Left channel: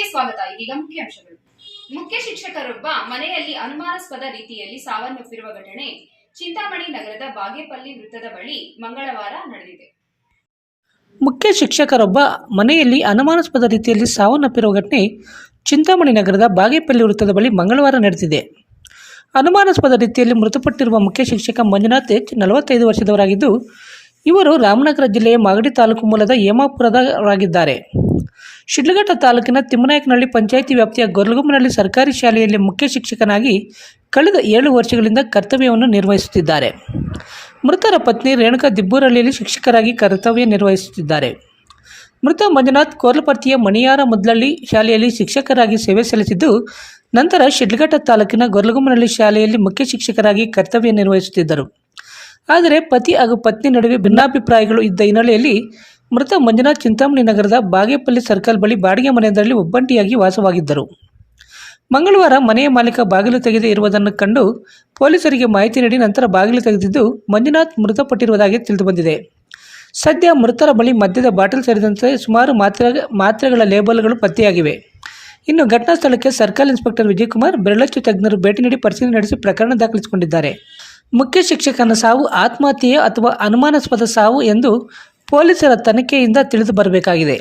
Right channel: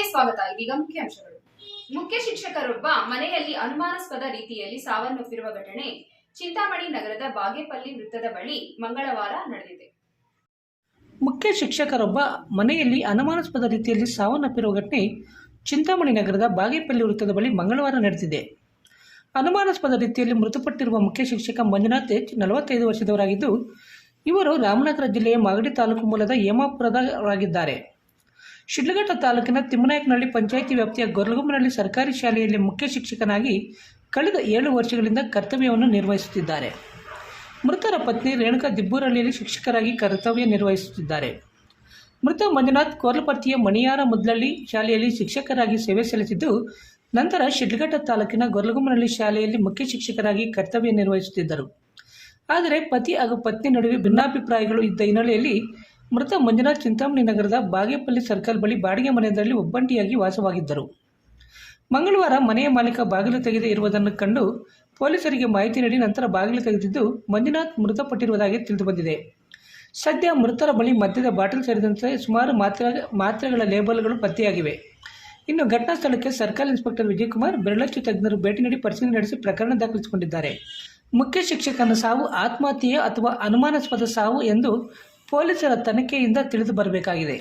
ನ್ಯೂಸ್ಗೆ ಸ್ವಾಗತ. ಇದೀಗ ಮುಖ್ಯಾಂಶಗಳು ಮುಖ್ಯ ಶಿಕ್ಷಕರೊಬ್ಬ ಮನೆಯಲ್ಲಿ ಅನುಮಾನಾಸ್ಪದ ರೀತಿಯಲ್ಲಿ ಸಾವನ್ನಪ್ಪಿರುವ ಘಟನೆ ಚಿಂತಾಮಣಿ ನಗರದ ಬಾಗೇಪಲ್ಲಿ ವೃತ್ತದ ಬಳಿ ಮಂಗಳವಾರ ನಡೆದಿದೆ. ಮುಖ್ಯ ಶಿಕ್ಷಕರೊಬ್ಬ ಮನೆಯಲ್ಲಿ ಅನುಮಾನಾಸ್ಪದ ರೀತಿಯಲ್ಲಿ ಸಾವನ್ನಪ್ಪಿರುವ ಘಟನೆ ಚಿಂತಾಮಣಿ ನಗರದ ಬಾಗೇಪಲ್ಲಿ ವೃತ್ತದ ಬಳಿ ಮಂಗಳವಾರ ನಡೆದಿದೆ. ಅನುಮಾನಾಸ್ಪದ ರೀತಿಯಲ್ಲಿ ಮೃತಪಟ್ಟಿರುವ ಮುಖ್ಯ ಶಿಕ್ಷಕ ಮಂಜುನಾಥ್ ಎಚ್ ನಲವತ್ತೈದು ವರ್ಷದವರಾಗಿದ್ದು, ಇವರು ರಾಮನಗರ ಜಿಲ್ಲೆಯ ಮಾಗಡಿ ತಾಲೂಕು ಮೂಲದ ಹೇಮಾಪುರದವರಾಗಿದ್ದಾರೆ. ಶಿಡ್ಲಘಟ್ಟ ತಾಲೂಕಿನ ತಿಮ್ಮನಾಯಕನಹಳ್ಳಿ ಪಂಚಾಯಿತಿ ವ್ಯಾಪ್ತಿಯ ಗೊರ್ಲಗುಮ್ಮನಹಳ್ಳಿ ಸರ್ಕಾರಿ ಶಾಲೆಯಲ್ಲಿ ಮುಖ್ಯ ಶಿಕ್ಷಕನಾಗಿ ಕಳೆದ ಏಳು ವರ್ಷಗಳಿಂದ ಕರ್ತವ್ಯವನ್ನು ನಿರ್ವಹಿಸುತ್ತಿದ್ದಾರೆ. ಮೃತರ ಪತ್ನಿ ರೇಣುಕಾ ದಿಬ್ಬೂರಹಳ್ಳಿಯಲ್ಲಿ ಶಿಕ್ಷಕರಾಗಿ ಕರ್ತವ್ಯ ನಿರ್ವಹಿಸುತ್ತಿದ್ದಾರೆ. ಮೃತ ಮಂಜುನಾಥ್ ಕೋರ್ಲಪರ್ತಿಯ ಮಣಿಯಾರ ಮುದ್ಲಳ್ಳಿ ಶಾಲೆಯಲ್ಲಿ ಶಿಕ್ಷಕರಾಗಿ ಸೇವೆ ಸಲ್ಲಿಸಿದ್ದು, ನಂತರ ಶಿಡ್ಲಘಟ್ಟ ತಾಲೂಕಿನ ಗೊರಲಗುಮ್ಮನಹಳ್ಳಿ ಶಾಲೆಯಲ್ಲಿ ಮುಖ್ಯ ಶಿಕ್ಷಕರಾಗಿ ಕರ್ತವ್ಯ ನಿರ್ವಹಿಸುತ್ತಿದ್ದರು. ಆದರೆ ಪತಿ ಹಾಗೂ ಪತ್ನಿ ನಡುವೆ ಭಿನ್ನಾಭಿಪ್ರಾಯಗಳು ಇದ್ದ ಹಿನ್ನೆಲೆಯಲ್ಲಿ ಮೃತ ಮಂಜುನಾಥ್ ಚಿಂತಾಮಣಿ ನಗರದ ಬಾಗೇಪಲ್ಲಿ ಸರ್ಕಲ್ ಬಳಿ ಬಾಡಿಗೆ ಮನೆಯೊಂದರಲ್ಲಿ ಒಬ್ಬಂಟಿಯಾಗಿ ವಾಸವಾಗಿದ್ದರು. ಮಂಗಳವಾರ ಮನೆಯ ಮಾಲೀಕ ಬಾಗಿಲು ತೆಗೆದೇ ಇರುವುದನ್ನು ಕಂಡು ಪೊಲೀಸರಿಗೆ ಮಾಹಿತಿ ನೀಡಿ ನಂತರ ಬಾಗಿಲು ತೆಗೆದಿದ್ದು ಮಂಜುನಾಥ್ ಮೃತಪಟ್ಟಿರುವುದಾಗಿ ತಿಳಿದುಬಂದಿದೆ. ಸದ್ಯ ಮೃತರ ಬಳಿ ಮದ್ಯದ ಬಾಟಲ್ ಸೇರಿದಂತೆ ಸುಮಾರು ಮಾತ್ರೆ, ಮಾತ್ರೆಗಳ ಲೇಬಲ್ಗಳು ಪತ್ತೆಯಾಗಿವೆ. ಇನ್ನು ಘಟನಾ ಸ್ಥಳಕ್ಕೆ ಸರ್ಕಲ್ ಇನ್ಸ್ಪೆಕ್ಟರ್ ವಿಜಯಕುಮಾರ್, ಬೆರಳಚ್ಚು ತಜ್ಞರು ಭೇಟಿ ನೀಡಿ ಪರಿಶೀಲನೆ ನಡೆಸಿ ಪ್ರಕರಣ ದಾಖಲಿಸಿಕೊಂಡಿದ್ದಾರೆ. ಮುಖ್ಯ ಶಿಕ್ಷಕನ ಸಾವು ಆತ್ಮಹತ್ಯೆ ಅಥವಾ ಅನುಮಾನಾಸ್ಪದ ಸಾವು ಎಂದು ಪೊಲೀಸರ ತನಿಖೆಯಿಂದ ತಿಳಿದು ಬರಬೇಕಾಗಿದೆ.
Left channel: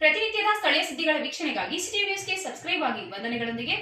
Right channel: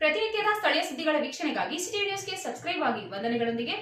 ಪ್ರತಿನಿತ್ಯದ ಸ್ಥಳೀಯ ಸುದ್ದಿಗಳ ವೀಕ್ಷಣೆಗಾಗಿ ಸಿಟಿ ನ್ಯೂಸ್ಗೆ ಸಬ್ಸ್ಕ್ರೈಬ್ ಆಗಿ ವಂದನೆಗಳೊಂದಿಗೆ.